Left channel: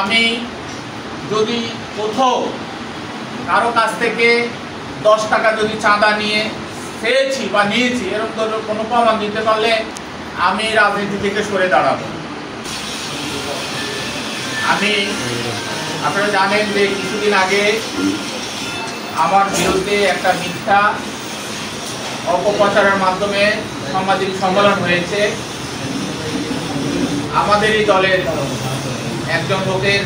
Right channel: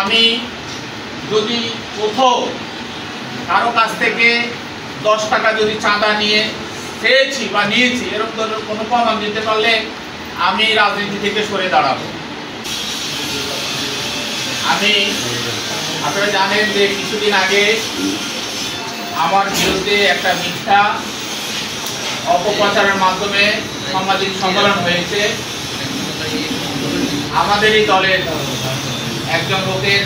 আমি যদি কোথাও কারো কাছ থেকে 10 টাকা যদি চাঁদা নিয়ে চেয়েছি বা নিয়েছি এরকম কোনো প্রমাণ দিতে পারলে আমি রাজনীতি থেকে সরে দাঁড়াবো। আপনারা জানেন যে কিছুদিন আগে আমার বিরুদ্ধে একটা মিথ্যা অপপ্রচারের মাধ্যমে সামাজিক সম্মেলন হয়েছে। আমাদেরই দলের একজন লোকের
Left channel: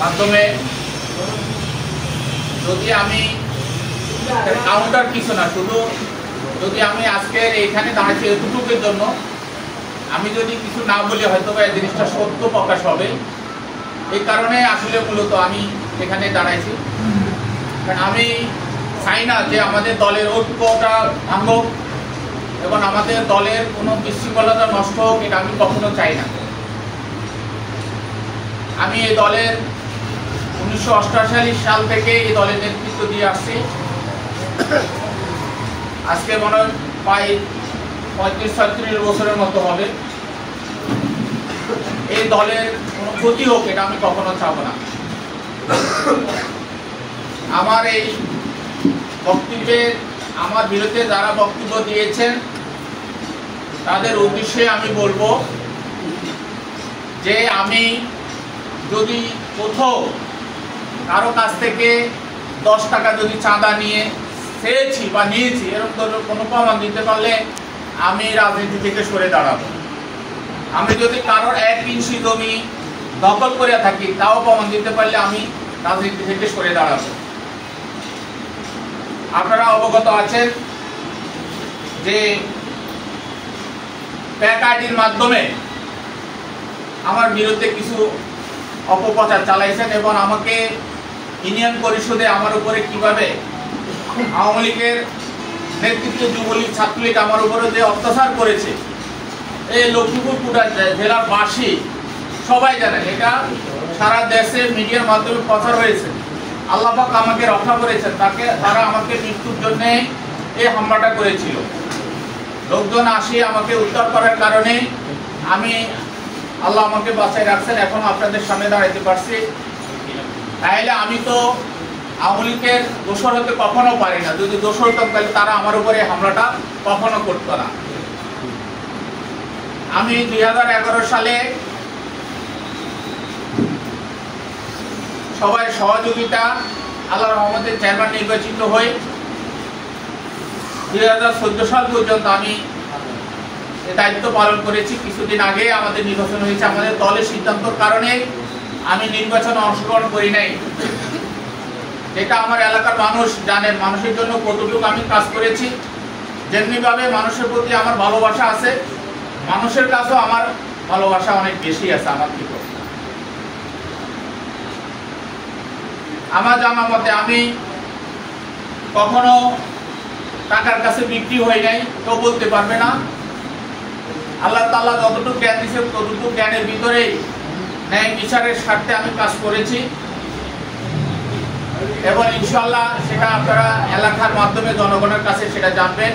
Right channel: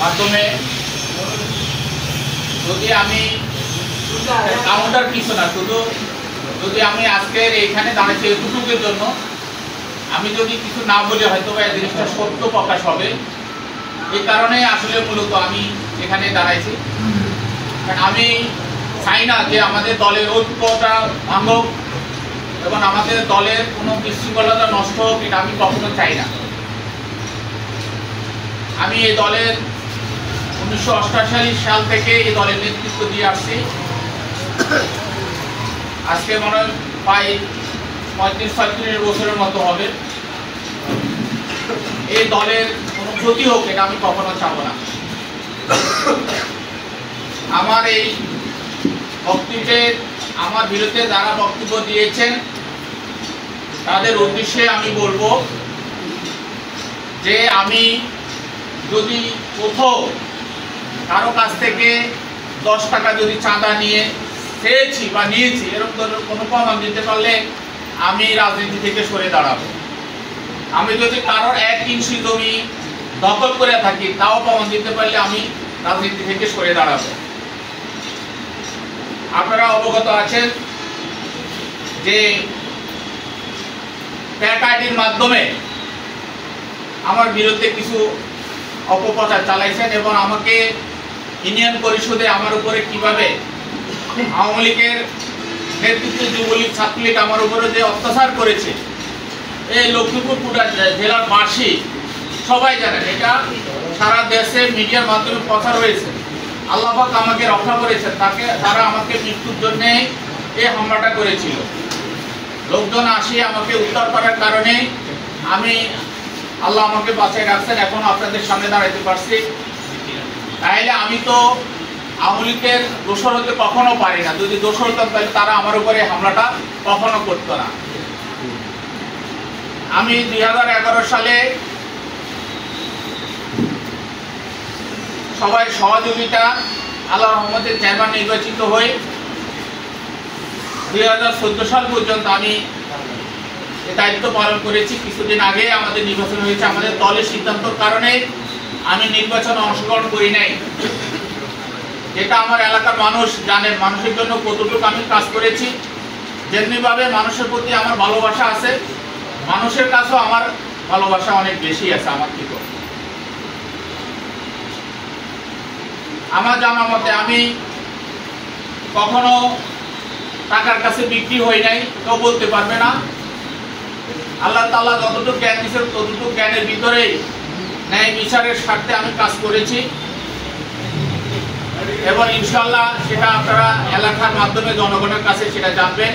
মাধ্যমে। যদি আমি কাউন্টার কিছু না, শুধু যদি আমি আজকের এইখানে দাঁড়াচ্ছি এতটুকুর জন্য, আমি যদি কিছু না বলে হয়তো এই জিনিসটা সত্য প্রকাশ হবে, এই কারণে আসলে মূলত আমি এখানে দাঁড়াইছি। আমি চাই না যে আমাদের দলের ঐক্যটা ভাঙুক এবং আমাদের দলের কোনো বিশৃঙ্খলতা নষ্ট হোক, এটা আমি কখনো চাই না। আমি এই দলের 1988 সাল থেকে এই দলের নেতৃত্ব দিয়ে আসছি। আজকে মনে হয় প্রায় 35-36 বছরের মতো হবে। এই দলের কোনো ক্ষতি হোক এটা আমি কখনো চাবো না। আমার এই বক্তব্যে আমার বিরুদ্ধে যারা বক্তব্য দিয়েছেন তাদের উদ্দেশ্যে আমি বলবো যে আমি যদি কোথাও কারো কাছ থেকে 10 টাকা যদি চাঁদা নিয়ে চেয়েছি বা নিয়েছি এরকম কোনো প্রমাণ দিতে পারলে আমি রাজনীতি থেকে সরে দাঁড়াবো। আমি যদি কারোর 1 ইঞ্চি জমি দখল করে থাকি তাও প্রমাণ দিতে পারলে আমি রাজনীতি থেকে সরে দাঁড়াবো। আপনারা অবগত আছেন যে প্যাক আইডির মাধ্যমে আমার বিরুদ্ধে কিছু অপপ্রচার চালাইছেন এবং আমাকে ইউনিয়ন পরিষদে আমার উপরে কিভাবে আওয়ামী লীগের নেতৃত্বে যুবলীগ ছাত্রলীগ আমার উপরে যে অত্যাচার করেছে, এই লক্ষ্মীপুর জেলার বাসী সবাই জানেন। এটা সারা দেশে মিডিয়ার মাধ্যমে প্রচার হয়েছে। আল্লাহ পাক আমাকে রক্ষা করেছেন, তারা আমাকে মৃত্যুর জন্য এই হামলাটা করেছিল। লোকজন আসে আমাকে উদ্ধার করার কারণে আল্লাহ আমাকে বাঁচিয়ে রাখছেন, এখন আপনাদের সামনে দাঁড়াতে পারছি। তাইলে আমি তো আওয়ামী লীগের দোষর হতে কখনো পারি না। যদি দোষর হতাম তাহলে তারা আমার উপরে হামলাটা কখনো করতো না। আমি 2011 সালে সবাই সহযোগিতা আল্লাহর রহমতে চেয়ারম্যান নির্বাচিত হই। 2014 সাল পর্যন্ত আমি দায়িত্ব পালন করেছি। কিছুদিন আগে আমাদের নির্বাচন হয়েছে। আমাদের দলের সিদ্ধান্তের কারণে আমি নির্বাচনে অংশগ্রহণ করি নাই। যেটা আমার এলাকার মানুষ জানেন, মানুষের জন্য কতটুকু আমি কাজ করেছি। যেমনিভাবে মানুষের প্রতি আমার ভালোবাসা আছে, মানুষের কাছেও আমার ভালোবাসা অনেক বেশি আছে আমার থেকে। আমার জানা মতে আমি কখনো টাকার কাছে বিক্রি হই নাই, কেউ বলতে পারবে না। আল্লাহ তাআলা যতটুকু জ্ঞান দিয়েছেন ততটুকু জ্ঞানের ভিতরেই ন্যায় বিচারের স্বার্থে আমি কাজ করেছি এবং ইনশাআল্লাহ সেটা আপনারা এলাকার মাধ্যমে জনগণের কাছে সেটা জানবেন।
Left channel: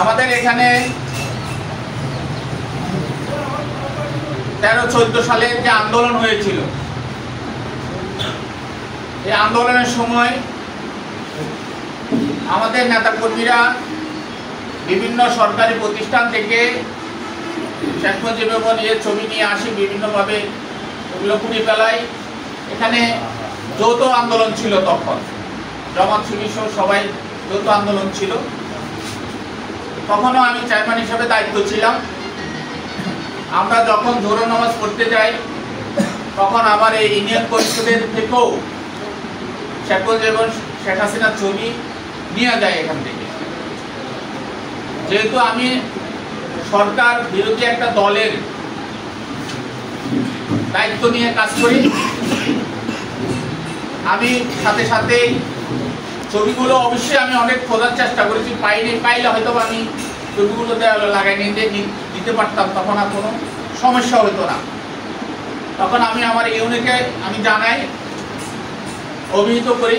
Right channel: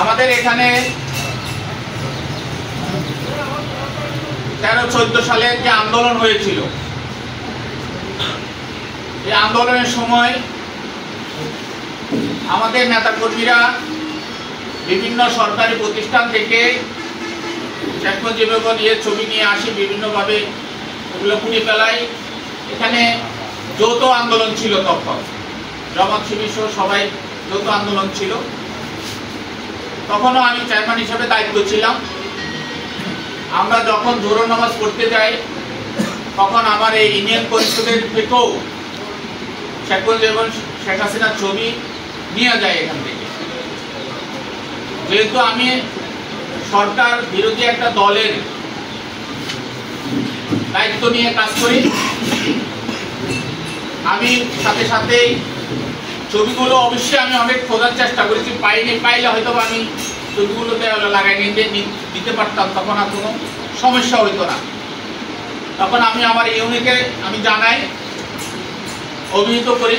আমাদের এখানে 13-14 সালের যে আন্দোলন হয়েছিল, এই আন্দোলনের সময় আমাদের নেতাকর্মীরা বিভিন্ন সরকারি প্রতিষ্ঠান থেকে শেখ মুজিবুর নিয়ে ছবি নিয়ে আসি, বিভিন্নভাবে ওগুলো পুড়ে ফেলাই। এখানে যৌথ আন্দোলন ছিল, তখন জামাত শিবির সহ সবাই যৌথ আন্দোলন ছিল। তখনও আমি চেয়ারম্যান হিসেবে দায়িত্ব ছিলাম। আমরা যখন জোহর নামাজ পড়তে যাই তখন আমার এই ইউনিয়ন পরিষদের থেকেও শেখ মুজিবুর শেখ হাসিনার ছবি নিয়ে যায় এখান থেকে। যেহেতু আমি সরকার বিরোধী একটা দলের দায়িত্ব নিয়ে কাজ করি, আমি সাথে সাথে ছবিগুলো অবশ্যই আমি অনেক খোঁজার চেষ্টা করেছি, পাইনি। পাইলে হয়তো আমি ছবিগুলোতে লাগাই নিয়ে দিতে পারতাম, তখন আর কোনো সমস্যা হইতো না। তখন আমি আমার ইউনিটে আমি জানাই, অভিহিত করি।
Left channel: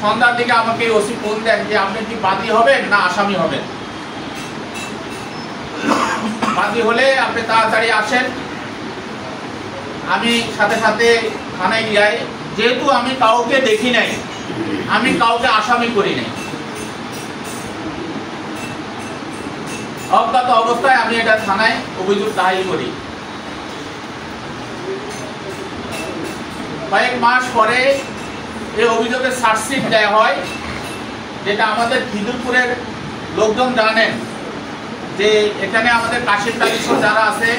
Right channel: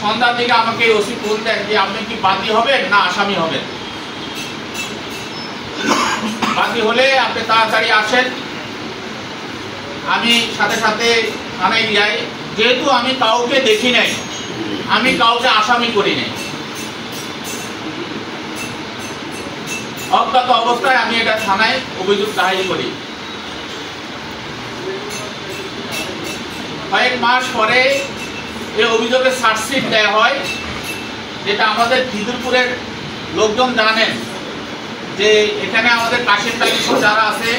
সন্ধ্যার দিকে আমাকে ওসি ফোন দেন যে আপনি কি বাদী হবেন না আসামি হবেন। বাদী হলে আপনি তাড়াতাড়ি আসেন, আমি সাথে সাথে থানায় যাই। যেহেতু আমি কাউকে দেখি নাই, আমি কাউকে আসামি করি নাই, অজ্ঞাত অবস্থায় আমি এটা থানায় অভিযোগ দায়ের করি। কয়েক মাস পরে এই অভিযোগের চার্জশিট দেওয়া হয়, যেটা আমাদের খিদিরপুরের লোকজন জানেন যে এখানে আমাদের কাশিম তালিশ যারা আছে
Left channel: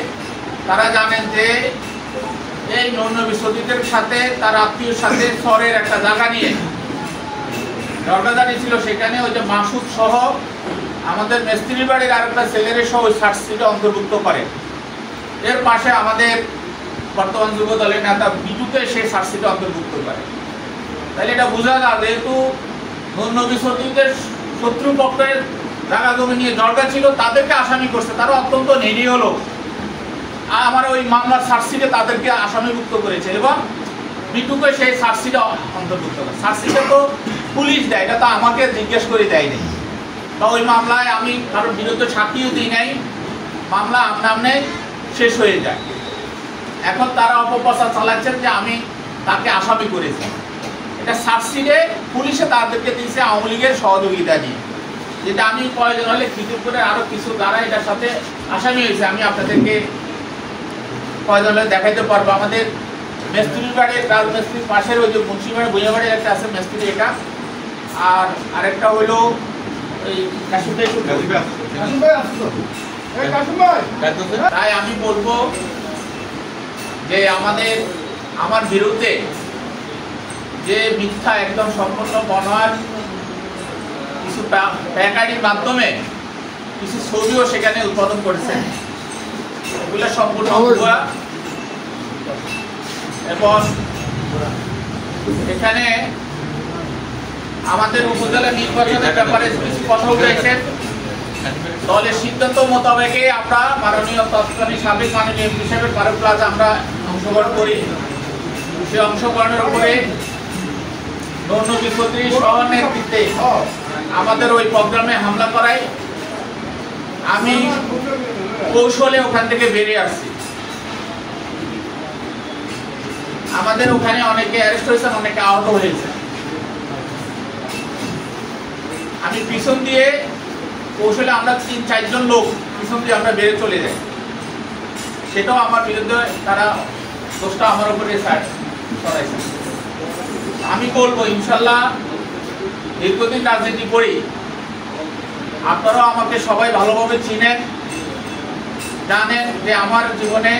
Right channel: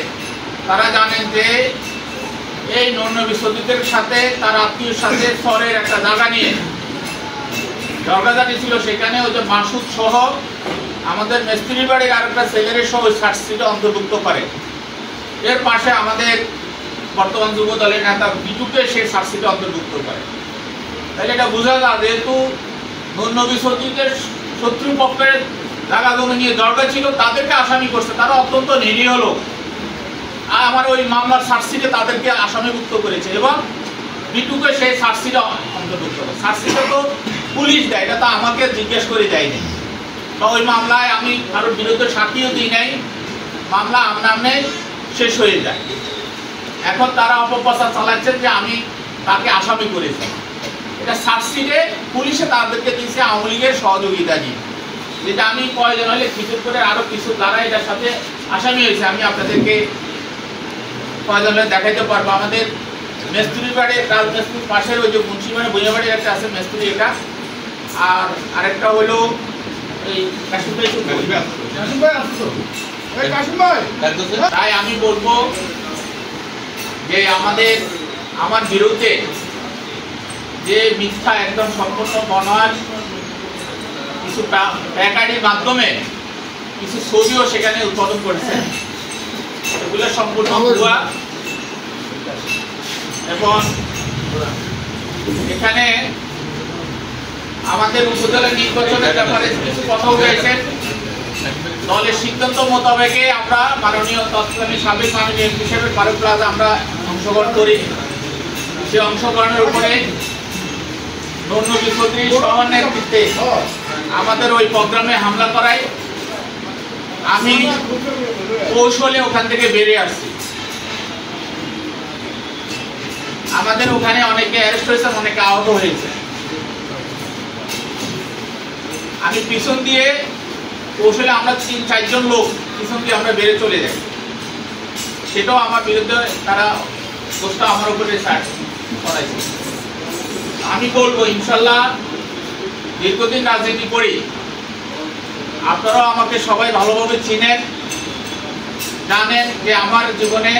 তারা জানেন যে এই নন্য বিশ্বজিতের সাথে তার আত্মীয়র সাথে শহরের একটা জায়গা নিয়ে ঝগড়াঝাটি ছিল। সেখানে ওই যে মাসুদ সহ আমাদের মিস্ত্রি বাড়ির আরেকটা ছেলের সহ ওই চার্জশিটে অন্তর্ভুক্ত করে। এর পাশে আমাদের বর্তমান যুব দলের নেতা বিটুকে সেই চার্জশিটে অন্তর্ভুক্ত করে। তাহলে এটা বোঝা যায় যেহেতু নন্য বিশ্বজিতের শত্রুপক্ষের জায়গা জমি নিয়ে ঝগড়া ছিল, তাদেরকে আসামি করছে, তারা অত্যন্ত নিরীহ লোক। আর আমার ওই মামলার চার্জশিটে তাদেরকে আসামিভুক্ত করেছে এবং বিটুকে সেই চার্জশিটে অন্তর্ভুক্ত করে। চার্জশিটে তো পুলিশ দেয়, এটা তো আমাকে জিজ্ঞেস করে দেয়নি, বা ওই মামলায় আমি কারোর বিরুদ্ধে সাক্ষীও দিই নাই, মামলা আমার নামে শেষ হয়ে যায়। এখন তারা অপপ্রচার চালাচ্ছেন যে আমি তাকে আসামি করেছি। এটা চার্জশিটে পুলিশে তাদেরকে দিয়েছে আওয়ামী লীগের সহযোগিতা নিয়ে, যেটা আমি প্রয়োজন হলে খিদিরপুরের আরো কিছু দ্বারা এটার সাথে আসামি হয়েছে, আমি আপনাদেরকে প্রয়োজন হলে দেখাইতে পারবো। আমাদের মিস্ত্রির বাড়ির রাজমিস্ত্রির পাশের ওই যে মুন্সিবাড়ি বইয়াবাড়ির একটা আছে মিস্ত্রি, এটা আর আরেকটা হলো এই কাশিম ভাই। তাই আমি বলবো যে আমার বিরুদ্ধে যে মিথ্যা একদম সম্পূর্ণ বনার কিছু প্যাকারির মাধ্যমে কিছু ছবিও সেখানে উৎপাদন করেছে, এগুলো সম্পূর্ণ ভুয়া। এবং এখানে আমাদের উপজেলা নির্বাচনের ব্যাপারে কিছু কথা উঠেছে। দলের সিদ্ধান্ত মোতাবেকে আমরা মাননীয় তৎকালীন সাবেক মাননীয় এমপি সাহেবের ফারুক প্লাজা আমরা অংশগ্রহণ করি। সেই অংশগ্রহণের উপরে নন্য বিশ্বজিৎ সহ নেতৃত্বে আমাদের ওই প্রোগ্রামে হামলা করায় আমি কৌশলে ওখান থেকে বেরিয়ে আসছি। আমাদের ওখানে অনেকে অ্যারেস্ট হয়েছেন, অনেকে আহত হয়েছে। আমি পিছন দিয়ে কৌশলে আমরা ৩-৪ জন লোক পিছন দিয়ে আমরা বেরিয়ে চলে যাই। সেটাও আমার বিরুদ্ধে তারা দোষটা আমার উপরে ছড়াইছে। আমি বলবো ইনশাল্লাহ দীর্ঘদিন রাজনীতি করি, আপনারাও আমাকে সবাই ভালোভাবে চিনেন, জানেন যে আমার জীবনে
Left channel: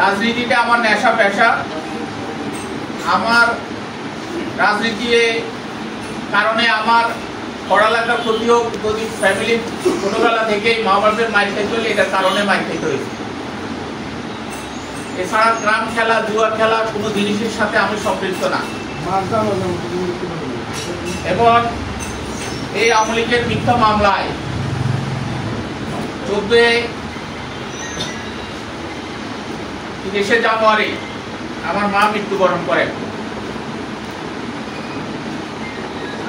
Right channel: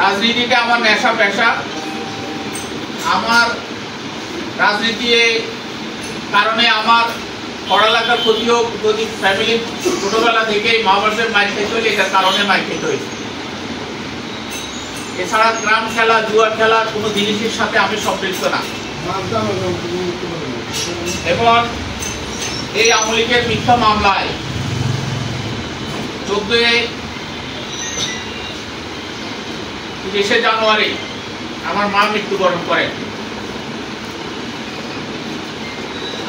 রাজনীতিটা আমার নেশা পেশা। আমার রাজনীতির কারণে আমার পড়ালেখার ক্ষতিও, যদি ফ্যামিলির ছোটবেলা থেকেই মা বাবার মাইর খেতে হলে এটার কারণে মাইর খেতে হয়েছে। এছাড়া গ্রাম খেলা, জুয়া খেলা কোনো জিনিসের সাথে আমি সম্পৃক্ত না। এবং এই আওয়ামী লীগের মিথ্যা মামলায় 14 জানুয়ারি আমার মা মৃত্যুবরণ করেন।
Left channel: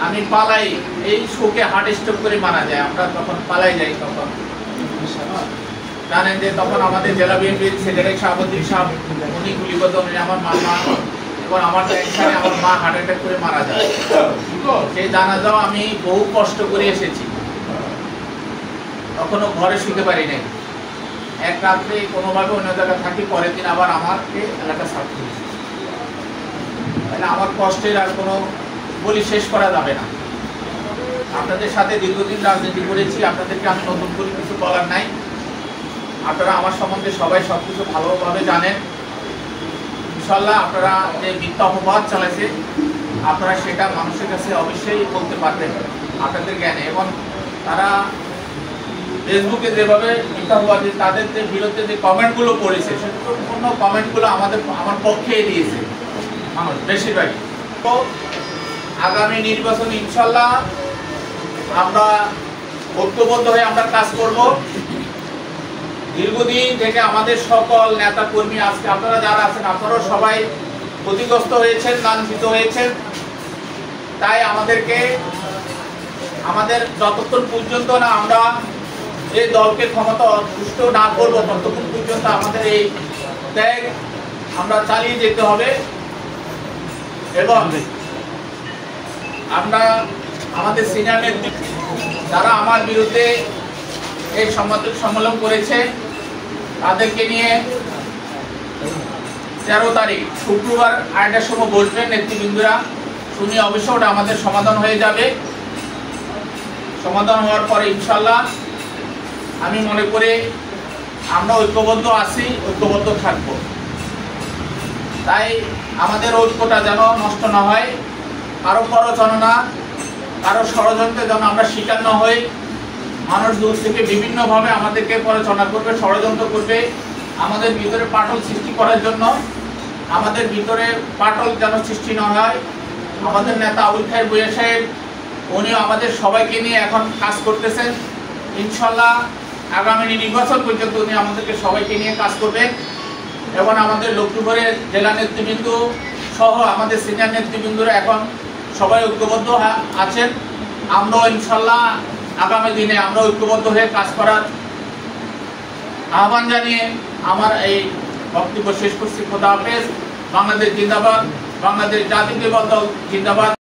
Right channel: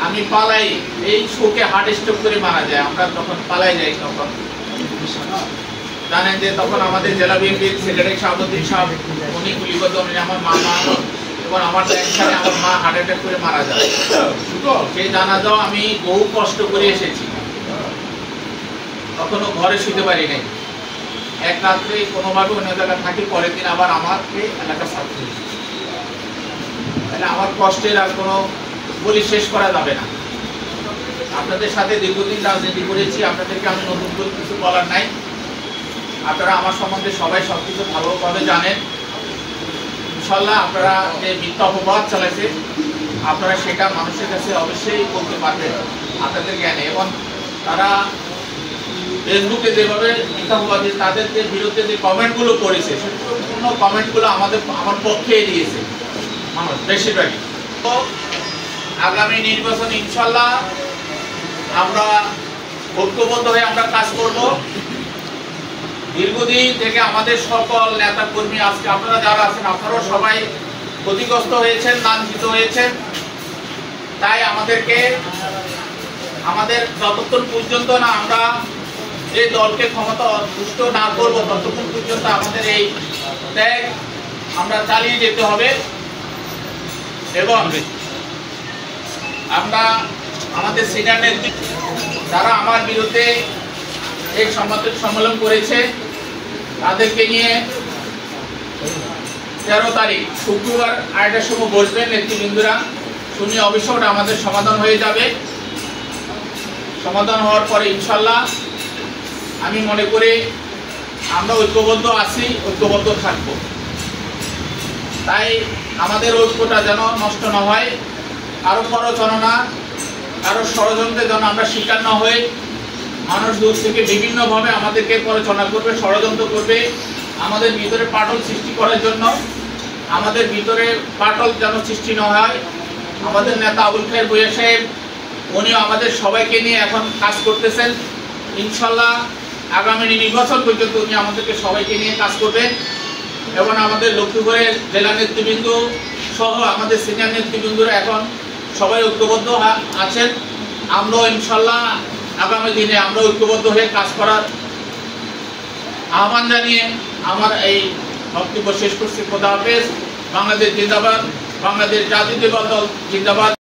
আমি পালাই, এই শোকে হার্ট স্ট্রোক করে মারা যায়। আমরা তখন পালাই যাই। তখন জানেন যে তখন আমাদের জেলা বিএনপির সেক্রেটারি শাহাবুদ্দিন সাহেব উনি গুলিবদ্ধ, আমার মামা এবং আমার টেনশনে আমার মা হার্ট অ্যাটাক করে মারা যায়। সেই জানাজাও আমি বহু কষ্ট করে এসেছি, তখনও ঘরে শুতে পারি নাই। এক রাত্রে কোনোভাবে অন্য জায়গায় থাকি, পরের দিন আবার আমাকে এলাকা ছাড়তে হয়েছে। তাহলে আমার কষ্টের আর কোনো বলি শেষ করা যাবে না। আপনাদের সাথে দীর্ঘদিন রাজনীতি করেছি, আপনাদেরকে আমি নতুন করে কিছু বলার নাই। আপনারা আমার সম্বন্ধে সবাই সবকিছু ভালোভাবে জানেন। ইনশাল্লাহ আপনারা যে মিথ্যা অপবাদ চালাইছে, আপনারা সেটা মানুষের কাছে অবশ্যই বলতে পারবেন আপনাদের জ্ঞানে। এবং তারা ফেসবুকে যেভাবে মিথ্যা অপবাদ, তাদের যে বিরুদ্ধে যে কমেন্টগুলো করেছে, সম্পূর্ণ কমেন্টগুলো আমার পক্ষে দিয়েছে মানুষ বেশিরভাগই। তো আগামী নির্বাচন ইনশাল্লাহ আমরা ঐক্যবদ্ধ হয়ে আমরা কাজ করব। দীর্ঘদিন থেকে আমাদের সকল নেতা কর্মী, আজকে আপনারা যারা আছেন আপনারাও সবাই ক্ষতিগ্রস্ত হয়েছেন, লাঞ্ছিত হয়েছেন। তাই আমাদের যতক্ষণ পর্যন্ত না আমরা এই দলকে ক্ষমতা দুষ্ট না করবো ততক্ষণ পর্যন্ত আমাদের এই ত্যাগ আমরা চালিয়ে যেতে হবে। এবং আমরা আমাদের সিনিয়র নেতৃত্ব যারা আমার বিরুদ্ধে এই সংবাদ সম্মেলন করেছে তাদেরকে নিয়ে 13 তারিখ শুক্রবার 8টার সময় বসবেন নেতৃবৃন্দরা, শুনিয়ে অবশ্য ওটা আমাদের সমাধান হয়ে যাবে। সমাধান হওয়ার পরে ইনশাল্লাহ আমি মনে করি আমরা ঐক্যবদ্ধ আছি, ঐক্যবদ্ধ থাকবো। তাই আমাদের ঐক্যটা যেন নষ্ট না হয়, কারো প্ররোচনা কারো ষড়যন্ত্রে যেন আমরা শিকার না হই। মানুষ দূর থেকে বিভিন্নভাবে আমাদেরকে প্ররোচনা করবে, ষড়যন্ত্র করবে আমাদের ভিতরে পাটল সৃষ্টি করার জন্য। আমাদের ভিতরে পাটল যেন সৃষ্টি না হয়। আমাদের নেতা আবুল খায়ের ভূঁইয়া সাহেব উনিও আমাদের সবাইকে নিয়ে এখন কাজ করতেছেন। ইনশাল্লাহ আগামী নির্বাচন পর্যন্ত উনি আমাদেরকে সবাইকে নিয়ে কাজ করবেন। এবং আমাদের লক্ষ্মীপুরের জেলা নেতৃবৃন্দ সহ আমাদের সিনিয়র নেতৃবৃন্দরা এখন সবাই ঐক্যবদ্ধ আছেন। আমরাও ইনশাল্লাহ আগামী দিনে আমরা ঐক্যবদ্ধ হয়ে কাজ করার আহ্বান জানিয়ে আমার এই বক্তব্য শেষ করছি। খোদা হাফেজ। বাংলাদেশ জিন্দাবাদ, বাংলাদেশ জাতীয়তাবাদী দল জিন্দাবাদ।